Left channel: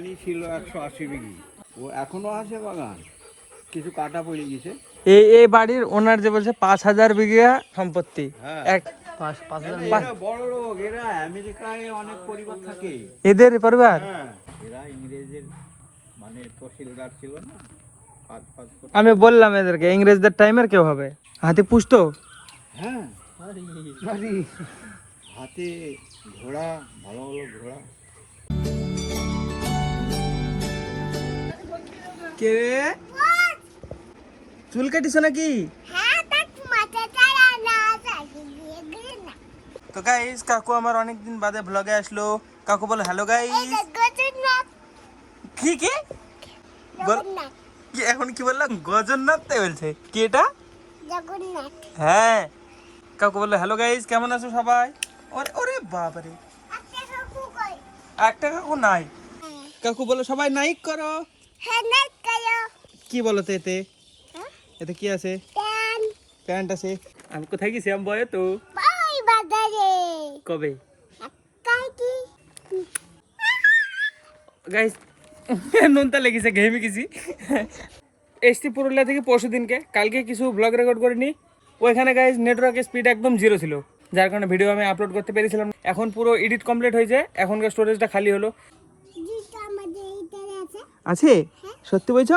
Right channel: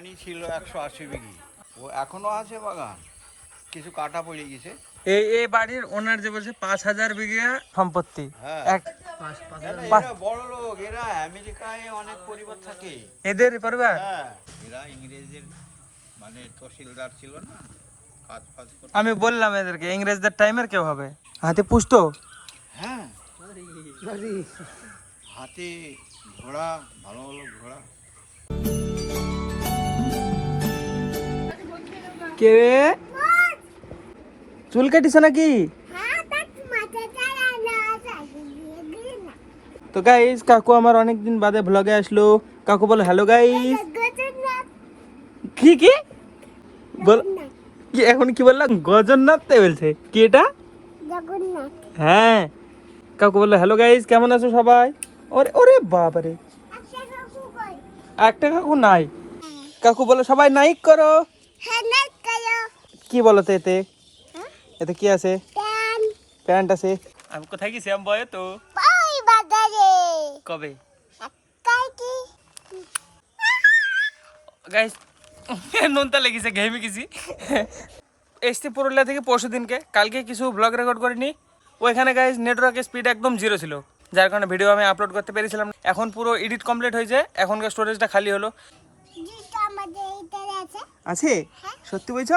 বাগানই ছিল 180 বিঘি, ও এখনো আছে বাগান, কিছু কাটা পড়ে গেছে। এই বাড়ির ওনার যে বলছে 5000 বিঘা সম্পত্তি। এক বড় লোক এরা, আমেরিকায় অনেক পরিবার থাকে এদের পরিবার। হ্যাঁ, এরা ইংরেজের মানে তহসিলদার ছিল না, কাজ ফাজ করতো। আমি বললাম এদেরকে ইংরেজদের টাইমের কেউ হবে, হাতি পুষতো। হ্যাঁ, হাতে ঘোড়া, ভালো ভালো ঘোড়া। কে চুল কাটিস নাকি? তো গাইস কাকু আমার অনেকদিন বাদে ব্লগে আসলো। কাকু বলো হ্যালো গাইস। কি কি বল, কি এখন কি বললাম? গজন্নাথ বলছে কি এটা? হ্যাঁ, কাকু বললো হ্যালো গাইস, কেমন আছো সবাই? ওরে ওরে বাবারে, একটা কাকু নাই। কাকু বলো সবাই নাইক করো। কি বলো তো এতে? এতে কি আছে? প্যান্ট আছে। আমি কোথায় গেছি? আমি বয়ে তো কবে গাইস নুনতা লেগেছে, ঘেমে গেছি। এসছি পুরুলিয়া থেকে পরশু দিনকে, কালকে কিছু ব্লগ রেকর্ড করিনি। ওইখানে গাইস নেটওয়ার্কের স্পিড একদম 0 ছিল, যার কারণে ভিডিও আমি আপলোড করতে পেরেছিলাম। এখন পুরো এডিট কমপ্লিট হয়েছে, এখনকার স্টোরেজটা খালি হলো। আছে সত্যি বলছো?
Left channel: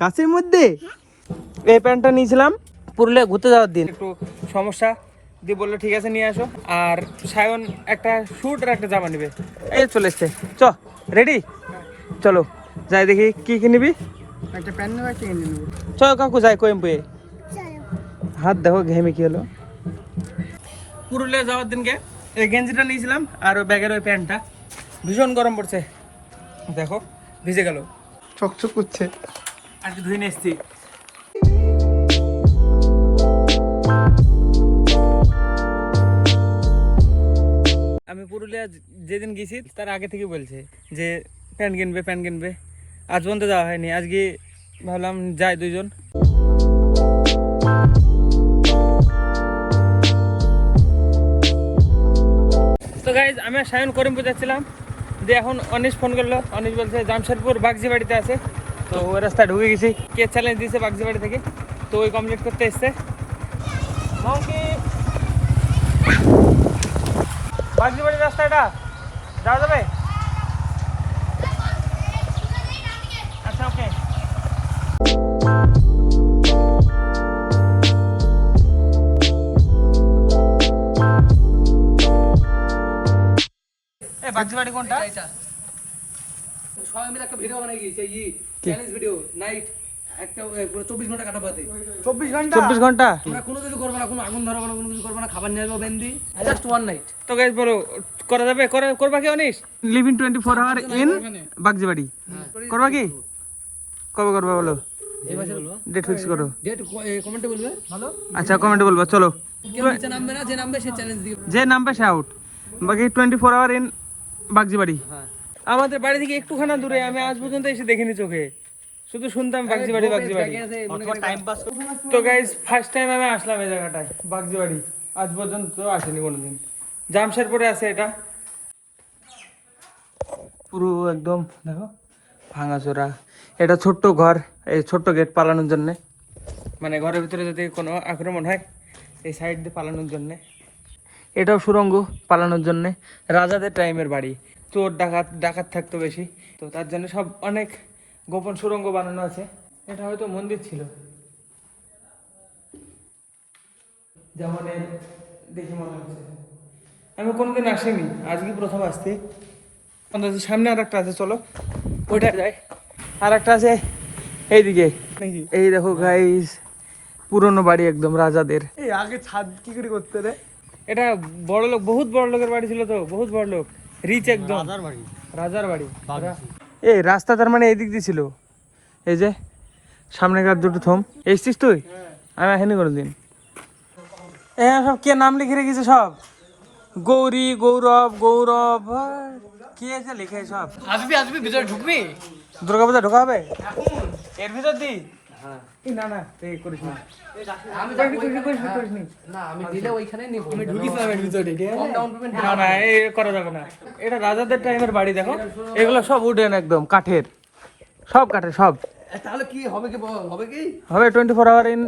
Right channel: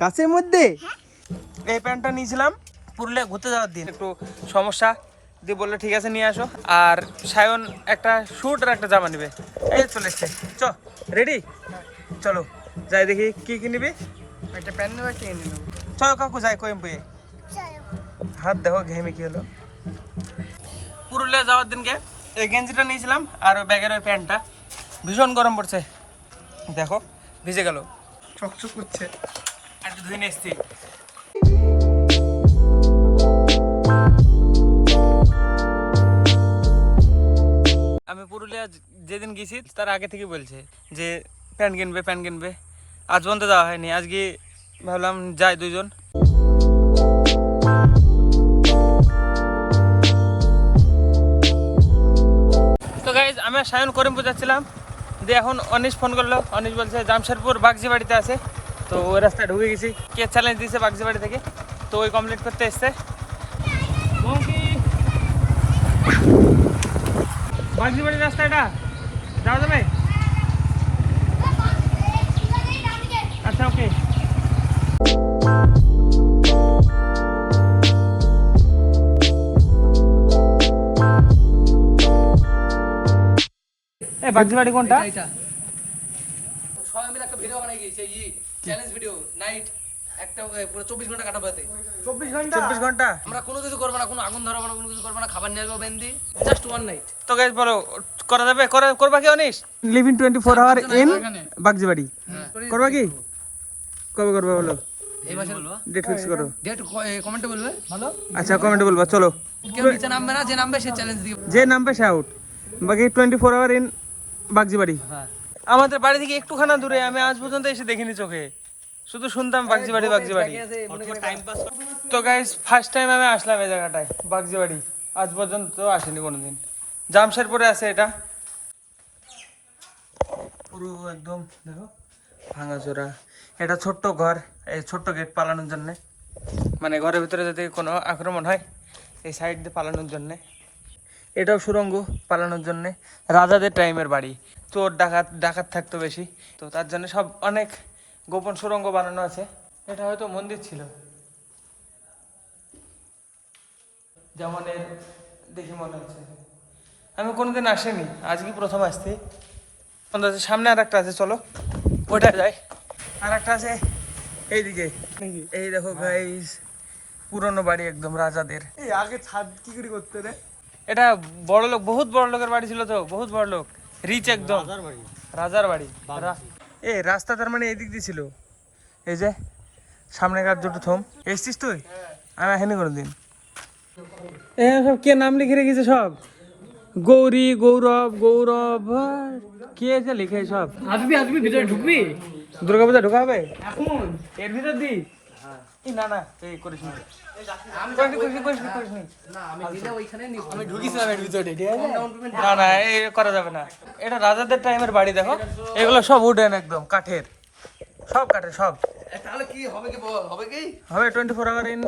কাছের মধ্যে এই প্যান্টটা নিয়েছিলাম পুরুলিয়া ঘুরতে যাওয়ার দিন, একটু সমস্যা দিয়ে বললো ঠিক আছে নিয়ে আসো। আর সায়ন একটা স্যুট আর একটা জামা নিবে, এই চলে এসছে। চ রেডি, চলো যাই দেখি কি কি নিবি। একটা প্যান্ট নেবো, একটা গেঞ্জি নেবো। চলো কাকু যাই কোয়েম্পুয়ে। হাত দেখো ঘেমে কি হলো। পুরুলিয়া যাওয়ার দিনকে এই গেঞ্জিটা নিয়েছিলাম আর ওই ব্যাগের ওই প্যান্টটা। ভীষণ গরম পড়ছে, দেখো ভিজে গেল, চকচক করছে। আর কি ধুয়ে নিয়ে এসছি। আমি পুরুলিয়া যেদিন গেছি তার আগে থেকে বলছে যে প্যান্ট কিনবে প্যান্ট কিনবে, আজ পর্যন্ত যাওয়া হয়নি। আজকে ভাবলাম যাই দুজন। তো গাইজ আমি সায়ন করিমপুর যাচ্ছিলাম, দিয়ে এখন অনিশ ফোন করলো। অনিশ বলছে জামশেদপুর বাগজি বাড়িতে আছে, তো ওই রাস্তায় ঢুকে গেছি। কে চ্যালেঞ্জ দিয়েছে বাগজি বাড়ি থেকে, তো ওই কমপ্লিট করতে এসছে। বাগজি বাড়ির রাস্তা এটা যাওয়া যাবে? আচ্ছা ওকে। এ বাগজি বাড়ি কোনটা? সবাই মিলে একটা ভিডিও বানাই গিয়েছে, চ্যালেঞ্জ ভিডিও নাইট একটা পুরো 24 ঘন্টা কাটাবো। 24 ঘন্টা আমরা কোনো কিছু করবো না, কোনো আগুন ধরাবো না, কোনো কিছু করবো না, খাবার নিয়ে আসবো বেন্দি, জাস্ট ওয়ান নাইট। তো গাইজ বলো করা যাবে? করবা কি অনিশ? লিভিং 24 আওয়ার ইন বাগজি বাড়ি করবা কি? কবে করবা বলো? ডেট ফিক্স করো। ডেট কমেন্টে বলবে। আচ্ছা কমেন্টে বলবা। চলো কেউ নিচে নামবে না, যে নামবে সে চ্যালেঞ্জ দিবে, যে নামবে সে আউট। বাকি 24 আওয়ার ইন বাগজি বাড়ি। আমাদের বাড়ি থেকে একটুখানা দূরে, আমি আজ পর্যন্ত এসে দেখিনি চোখে, শুধু শুনতাম বাগজি বাড়ি বাগজি বাড়ি। তো গাইজ ফার্স্ট টাইম আমি আসলাম এই জায়গাটায় বাগজি বাড়ি, আজ পর্যন্ত আসিনি কোনোদিন। জামশেদপুরে আছে এটা, পুরো একদম দেখো ভাঙাচোরা। এটা ছোট্ট ঘর, এই ছোট্ট গেট পালানোর জন্যে, মানে ঘরের ভিতরে যদি কোনো আক্রমণ হয় এই সাইড দিয়ে পালানোর জন্যে। এটাও সুড়ঙ্গ পালানোর জন্যে। রাজাদের টাইমের বাড়ি, চোর ডাকাত থাকতো বেশি, তো তার জন্য সব অনেক গোপন সুড়ঙ্গ বানানো আছে। এটা হয়তো মন্দির ছিল, যেমন এর দেখে মনে হচ্ছে। আমি কোনোদিন আসিনি, আজকে প্রথম আসছি। সামনে আর একটা আছে, চলো ওইটা যাই। আর একটা আছে এইদিকে, এই দেখো গাইস পুরনো বাড়ি একদম রাজাদের। এই আগে ছাদ কি করে করতে রে? এটা বড় লোক, বহুত বড় লোকের বাড়ি ছিল, তো বহুত বড় লোক, রিচ একদম, রাজার বাড়ি। এই রাস্তা তার মানে এদিক দিয়ে ছিল, এই যে সামনেকার দুটো থম। এসছিস তুই? আমি আসিনি কোনোদিন। এই সব কে নাম লিখে রেখেছে সব, গৌরী গৌরব গৌরব, কে যে লিখে সব। আসবি ভিতরে ঢুকবি, দুর্গাপূজা ঢোকা হবে এখন এর ভিতর দি। এই না না এই করিস না আমি করিস নি। না আমি দিলে ওইখানে আমি ঢুকিছিলাম এর ভিতরে ঠিক আছে না না এই করা যাবে না, এটা রাজাদের টাইমের বাড়ি দেখো, এগুলো সব উডেন একদম কাঠের, সব কাঠের সব। তাহলে কি হবে কি বল হবে কি হবে 24 আওয়ার ইন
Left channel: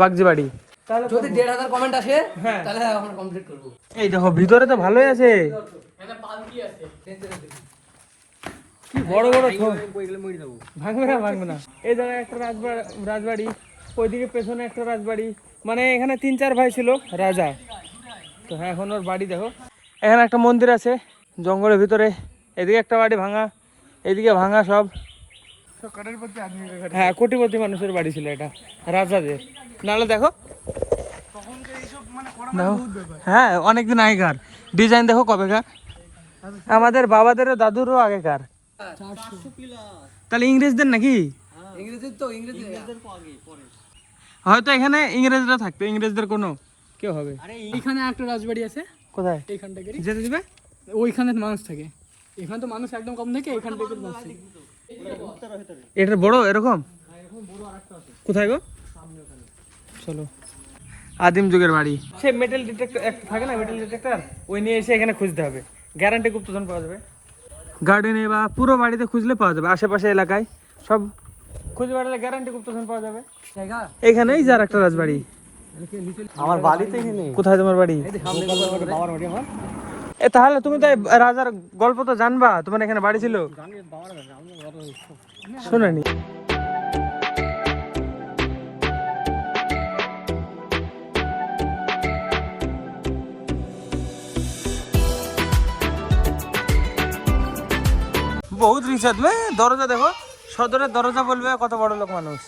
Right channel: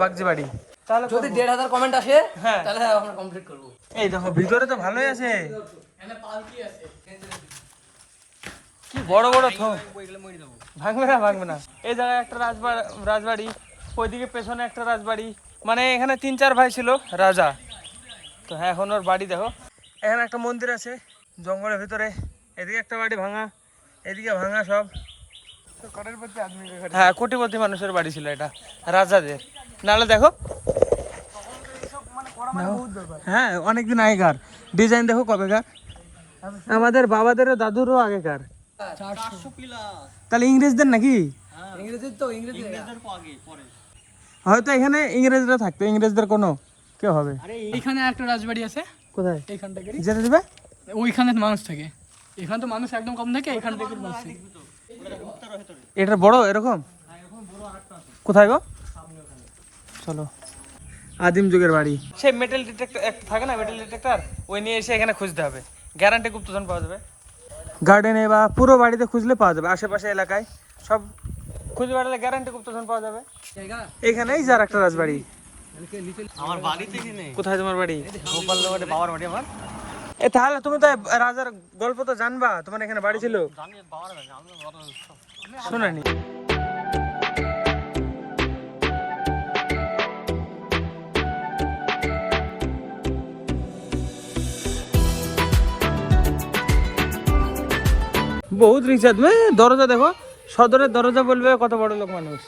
বাগজি বাড়ি। তাহলে যদি 1,500 কমেন্ট আসে হ্যাঁ তাহলে আমরা কমপ্লিট করব। এই দেখো ভিতরে তো ভালোই আছে, এখানে পালকি আছে কি বড় বড় বইগুলো মরে যাব। ভাঙবে না। এই জায়গায় একটা রাজবাড়ি, ওইদিকে পেছনে একটা রাজবাড়ি, মানে এখানে 3-4 ভাই ছিল রাজা। তো হ্যাঁ এখন ওর বাড়ি দেখো, এখানে একটা মন্দির আছে জঙ্গলের ভিতরে, এদিকে একটা বাড়ি ভাঙা, এদিকে ভাঙা সব। হ্যাঁ কোটিপতি মানুষের বাড়ি ছিল এটা রাজাদের, নাহলে দেখো দেখো, হ্যাঁ অনেকদিন আগেকার ডিজাইন দেখো কবেকার, আমাদের বাবাদেরও দাদুরও আগেকার। তাহলে ইংরেজদের নাকি? ইংরেজি তো ইংরেজি হয়তো এখানে ইংরেজরা থাকতো, ইংরেজদের কোনো কেউ হবে। এইখানে একটা রাজবাড়ি আছে, কোথায় এইখান থেকে যেতে দেবে? ওইখানে মানুষ থাকে, এখানে তো মানুষ একদম কম থাকে, এখান থেকে মানুষ থাকে। এটা বড় এরকম কোথায় গো? চলো আদিম যুগের বাড়ি, সে মেটাল ডিটেক্টর একটা থাকে না, মেটাল ডিটেক্টর, ওই নিয়ে এসে এখানে খুঁজতে হবে, গ্যারান্টি গুপ্তধন পাওয়া যাবে। গার্ডেনে বা পুরো বাড়িতে খুঁজলে পাওয়া যাবে, আশেপাশে এলাকায় সব খুঁজে বেড়ালে গ্যারান্টি গুপ্তধন পাওয়া যাবে। জায়গা এখানেই যার একটা রাজবাড়ি। আমার বাড়িতে এখানে কোথায় তোমার বাড়ি? বাবার বাড়ি আমার এ তাহলে তুমি তো এই রাজার গল্প তো জানবা, তোমার এখানে বাড়ি ছিল? জানি বাবার বাড়ি আমি অত শোনেনি? বহুত রিচার্জ দরজা দেখো, সদরের দরজা বলবে কত বড় লোক মানুষ।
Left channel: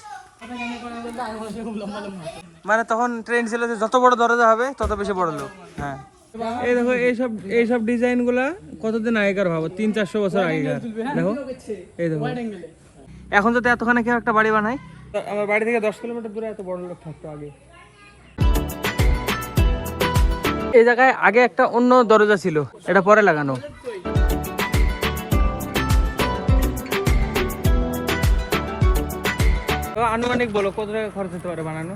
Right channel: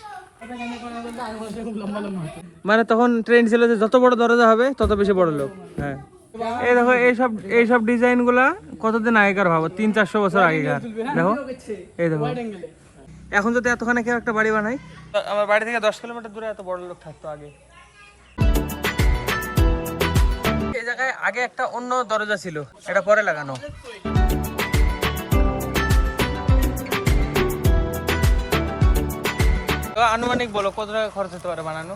মানে তখন ট্রেন্ড ছিল যে যত বড় দরজা হবে তত বেশি বড় লোক। হ্যাঁ এই দেখো এইসব ডিজাইন গুলা কতদিন আগেকার, ভাবো 300-400 বছর আগেকার। দেখো এই দেখো, এখন যদি এতখানে কেউ একটা বাড়ি বানায়, আমার বাড়ি থেকে 10 কিলোমিটার দূরে এত বড় লোক থাকতো আগে। এই জায়গায় আগে একটা অন্য দরজা ছিল, এটা পরে লাগানো। আনুমানিক বলো কত টাকা খরচ হতে পারে বানানো?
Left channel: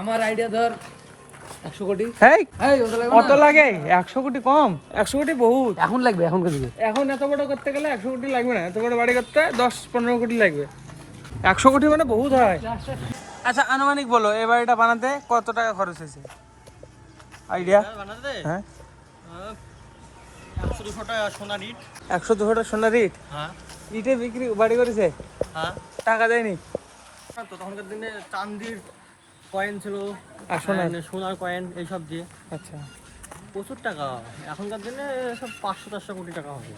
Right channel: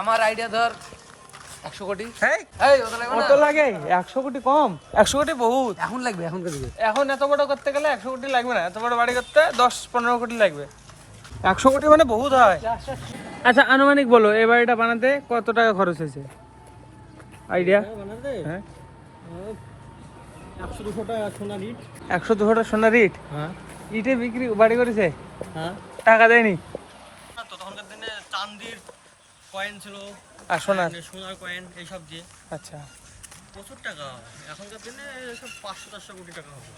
আমার আইডিয়া ধর 100 কোটি। হেই এই ওটা লাগবে কত না লাগে? 100 কোটি কম, 100 কোটি বহুত। এখন লাগবে এখন কিছু এখন এত বড় করতে গেলে 100 কোটি লাগবে না, এত বড় বাড়ি করতে 10-15 কোটি লাগবে। 100 কোটি মানে বহুত হয়। আচ্ছা আনুমানিক বলো এই বাড়িটা বানাতে কত টাকা খরচ হয়েছে, আইডিয়া? হ্যাঁ 100-200 টাকা সোনার ইট। 100-200 টাকা সোনার ইট? হ্যাঁ ইটে বিক্রি বাড়ি করেছে, হ্যাঁ। টাকা দেয়নি? তো তখনকার দিনে চান্দির কয়েন ছিল আর সোনার? সোনার কয়েন এইসব দিয়ে আচ্ছা প্রচুর টাকা। এখনকার দিনে সব 500-400 কোটি টাকা হবে।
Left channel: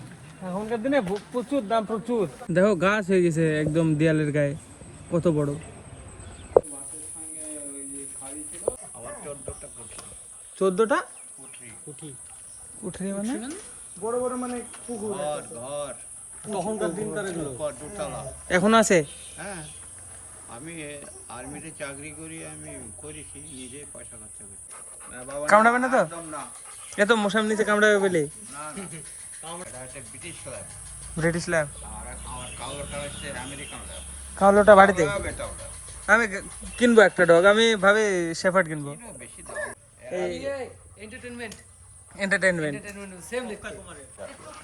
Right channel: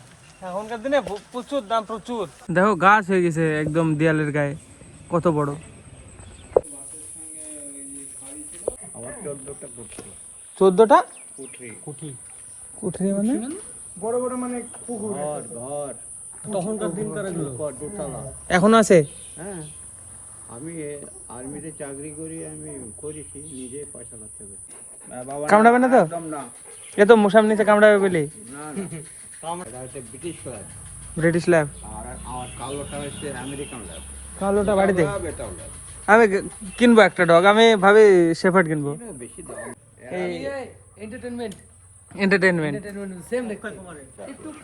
এখনকার দিনে প্রচুর দাম, প্রচুর। দেখো গাছ হয়ে গেছে একদম দেয়ালের গায়ে, কত বড়। আমার 14টা কোটি 14টা কোটি কুঠরি মানে বড় বড় মানে পুকুর। ঘর তখনকার দিনকার এগুলো দোতলা। এখনো আছে? হ্যাঁ আমি আর্মিতে চাকরি করি, আমি করেছি নিজে পয়সা খরচ করে। কামড়াবে না তো? একদম না, এ তো মশাম নিচে কামড়াবে বলি। না না এটা হচ্ছে ব্রিটিশ ল্যাব, ব্রিটিশ ল্যাব। আর আমার কালোটা হচ্ছে আমেরিকান ল্যাব। কালোটা বাড়িতে? এটাও ল্যাব। আমি কিনবো একটা ডগ, আমি ভাবি শেফার্ড কিনবো। বেশি দাম। এন্টারটেইনমেন্ট এন্টারটেইনমেন্ট সেম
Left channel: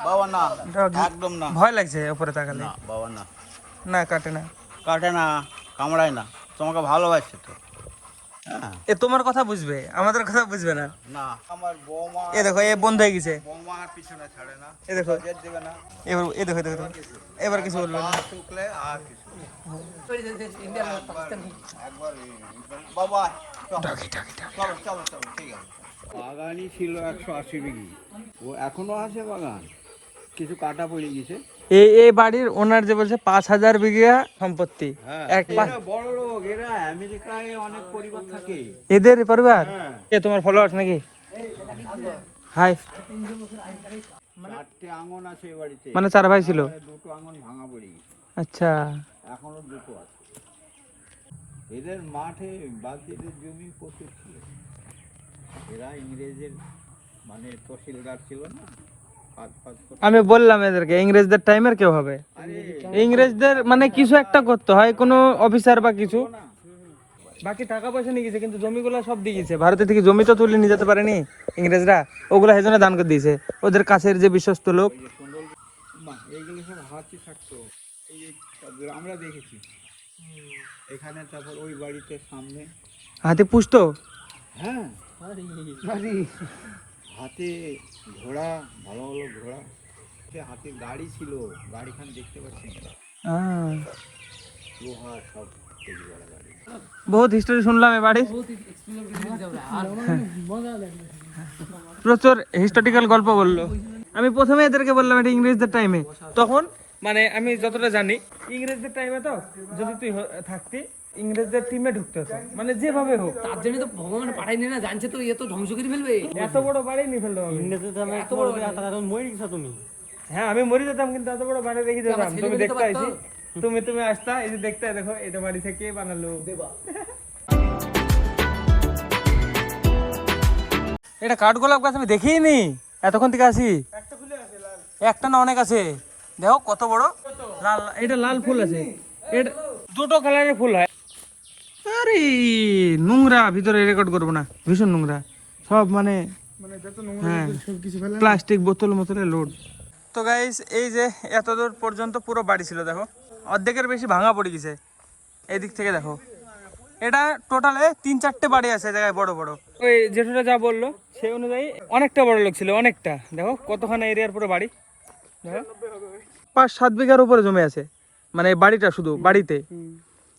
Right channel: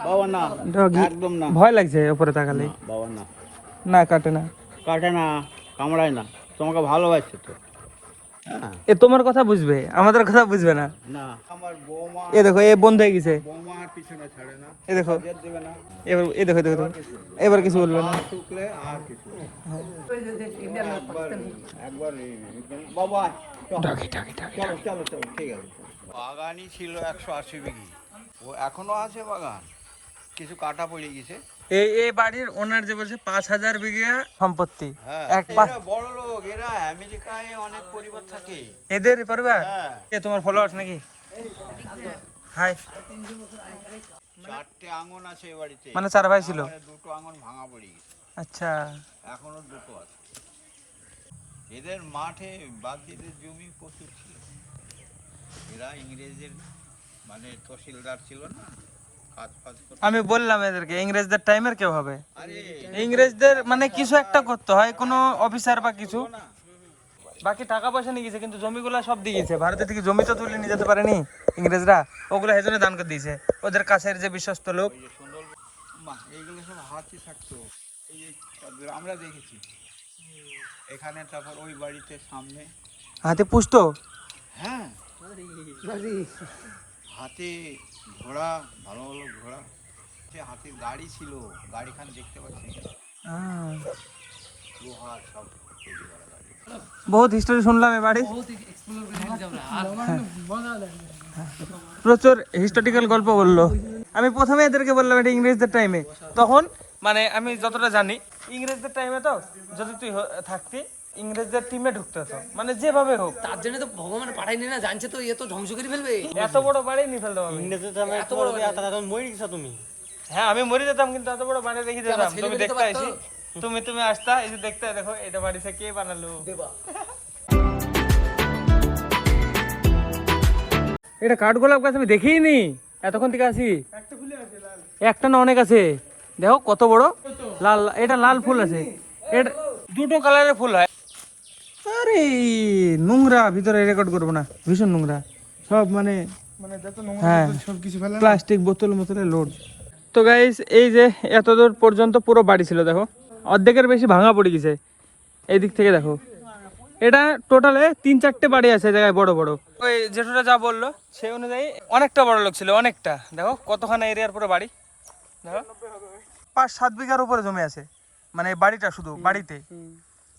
বাবা না, ডগ একদম না, ভয় লাগছে উপরে তাকালে। না বাবা না, না কাটে না, কাটে না, কামড়ায় না, তোমাকে ভালোবাসছে তো। হ্যাঁ এ তোমার কথা বুঝবে, আমাদের কথা বুঝবে না। না আমার বৌমা, এ দেখো এ বন্ধ হয়ে গেছে, বৌমা আর পিছনে ছাড়ে না, এ দেখো জেদ দেবে না, এবার এ দেখো দেখো এবার কিছু বলবে না। শুকলে আর কিছু একবার বাবা চলো চলো চলো ঠিক আছে। বাগানই ছিল 180 বিঘি, ও এখনো আছে বাগান, কিছু কাটা পড়ে গেছে। এই বাড়ির ওনার যে বলছে 5000 বিঘা সম্পত্তি, এক এরা বড় লোক, এরা আমেরিকায় অনেক পরিবার থাকে এদের পরিবার। হ্যাঁ। এ তোমার ফলোয়ার্স নাকি? হাই 4টে আঙন আছে এ বাড়িতে, মানে 4 ভাই ছিল? 2টো আঙন ভাঙা পড়ে গেছে, আচ্ছা এখনো 2টো আছে। এদের মাঠে বাকিদের জমি প্রচুর ছিল। এরা ইংরেজের মানে তহসিলদার ছিল না, কাজ করতে। আমি বললাম এদেরকে ইংরেজদের টাইমের কেউ হবে, আরে ইংরেজদের মানে কিছু একটা করতে হয়, কোনো অফিসার বা কিছু। বাকি টাকা পয়সা নিয়ে গেছে, কিন্তু জমিগুলা সব দিয়ে গেছে। ভারতের থেকে জমি তো তুলে নিয়ে যেতে পারেনি ইংরেজরা, ওগুলা সেজন্য দান করে দিয়েছে। ওদের কাছের যে বিশ্বস্ত লোক। এইগুলো সব হাতি থাকতো, এই যে আমরা দেখেছি এখানে। তারপর ওই বাড়িতে সামনে হাতে পুষতো। হ্যাঁ, হাতে ঘোড়া, ভালো ভালো ঘোড়া, সে হাতির গাড়ি ছিল, গাড়িখান দেখতে পাচ্ছেন, লোহার সব তৈরি করা গাড়ি। বহুত হিস্টোরি শুনলাম এ বাড়ি, প্রচুর হিস্টোরিক্যাল গল্প বললো। আমি প্রথমে এদেরকে বললাম এটা ইংরেজদের টাইমে, তখন মানে আমি যতটা জানি ইংরেজদের টাইমে তো যদি তুই থাকতি ইংরেজদের টিমে ঢুকতে হতো, মানে যেভাবে হোক। তার জন্য তো ভগবান পাঠায়নি না, জানছে তো এ তো ধ্বংস করে ফেলবে। এত বড় বাড়ি নিয়ে ফেলতাম আমি। এত বড় বাড়ি। হ্যাঁ আমি মরে যেতাম, কিন্তু এত বড় বাড়ি রেখে যেতাম। তুমি দেখতে আইছি, তুমি আসতা, এই যে দেখতে, দেখো এটা বাড়ি থেকে কে বানালো। এটা কাঠগোলাপ গাছ আমি দেখিনি এতক্ষণ থেকে আসি। একটা না অনেক আছে, দেখো কত বড় লাল, এটা লাল ফুল আছে, এটা দুটো কালারের ফুল হয়। আরে নোংরা, ভিতরে রেকর্ড করবো না, ভীষণ নোংরা সব, মানে হ্যাঁ প্লাস্টিক বোতল মোতলে লোড। তো গাইস এই যে এতদূর পর্যন্ত পুরো বাড়ি ছিল, দেখো অর্ধেকের বেশি ভাঙা পড়ে গেছে। এই দিক থেকে দেখো, এটা টোটালে 3-4টে বাড়ি আছে জায়গায় বড় বড়। ওই জেঠুটা যা বললো সেই অনুযায়ী অনেকটা বড় লোক ছিল, অনেকটা। দেখো কতখানা এরিয়ার পুরো বাড়ি, দেখো 5-7 বিঘার উপরে জমি আছে, মানে বাড়িটা শুধু বাড়িতে।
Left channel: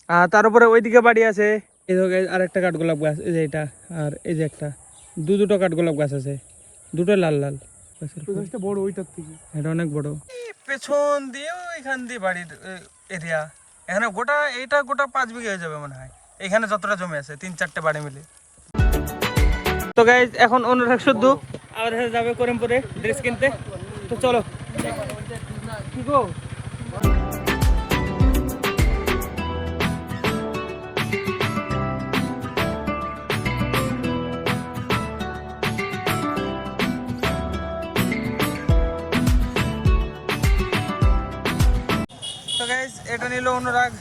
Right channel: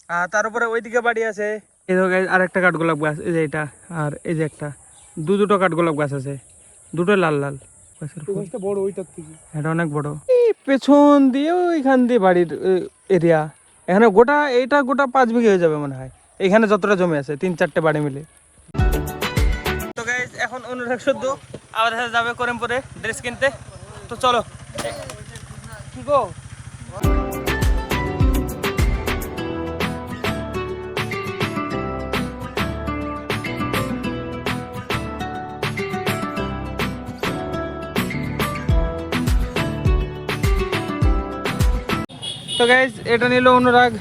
আর তার উপরে ওইদিকে বাড়ি আছে। এই দেখো আর একটা কাঠগোলাপ গাছ, এই যে এটা, আর এই যে একটা দুটো কাঠগোলাপ গাছ আছে, দুটো লাল লাল গাছের বড়, ওইটার থেকে এটা অনেক বড়। এই পেছন দিয়ে ওইখান দিয়ে বাড়ির এরিয়া, এখানে গোটা এইটা গোটা 5 বিঘা হয়ে যাবে মনে হয়, এখানে যতটা জমি আছে 3-4টে বাড়ি মিলে। তো গাইজ এখন অনুরাগ শুদ্ধ আমাদের সাথে যাবে করিমপুরে ড্রেস কিনতে, তো চলো। কি গো তো গাইজ এটা নিল অনুরাগ,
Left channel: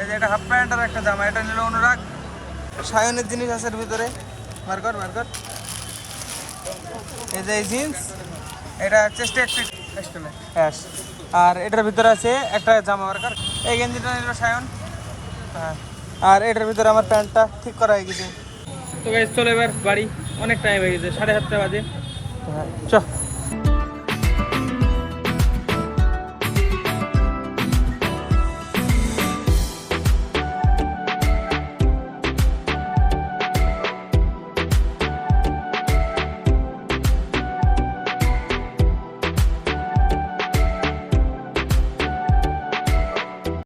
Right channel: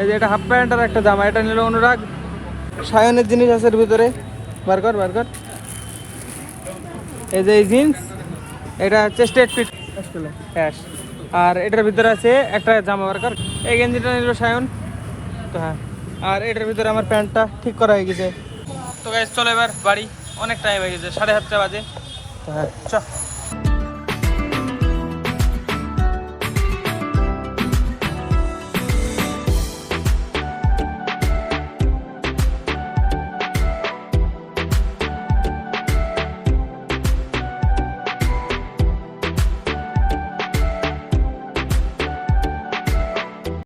এই যে এটা হাফ প্যান্ট আর একটা জামা, এটা নিল অনুরাগ। সায়নের জিনিস আছে এর ভিতরে, বার কর। এই যে এই জিন্স, এটা চেস্টেড ফিট হ্যাঁ, আর এটার ভিতরে আছে একটা জামা, বার কর। এই গেঞ্জিটা নিল সায়ন, তো হ্যাঁ, আর এটার ভিতরে আমার প্যান্টটা ঠিক করা হয়ে গেছে। তো গাইজ চলো এবার বাড়ি, অনেক টাইম হয়ে গেছে, 7:30 বাজে। তো হ্যাঁ চ।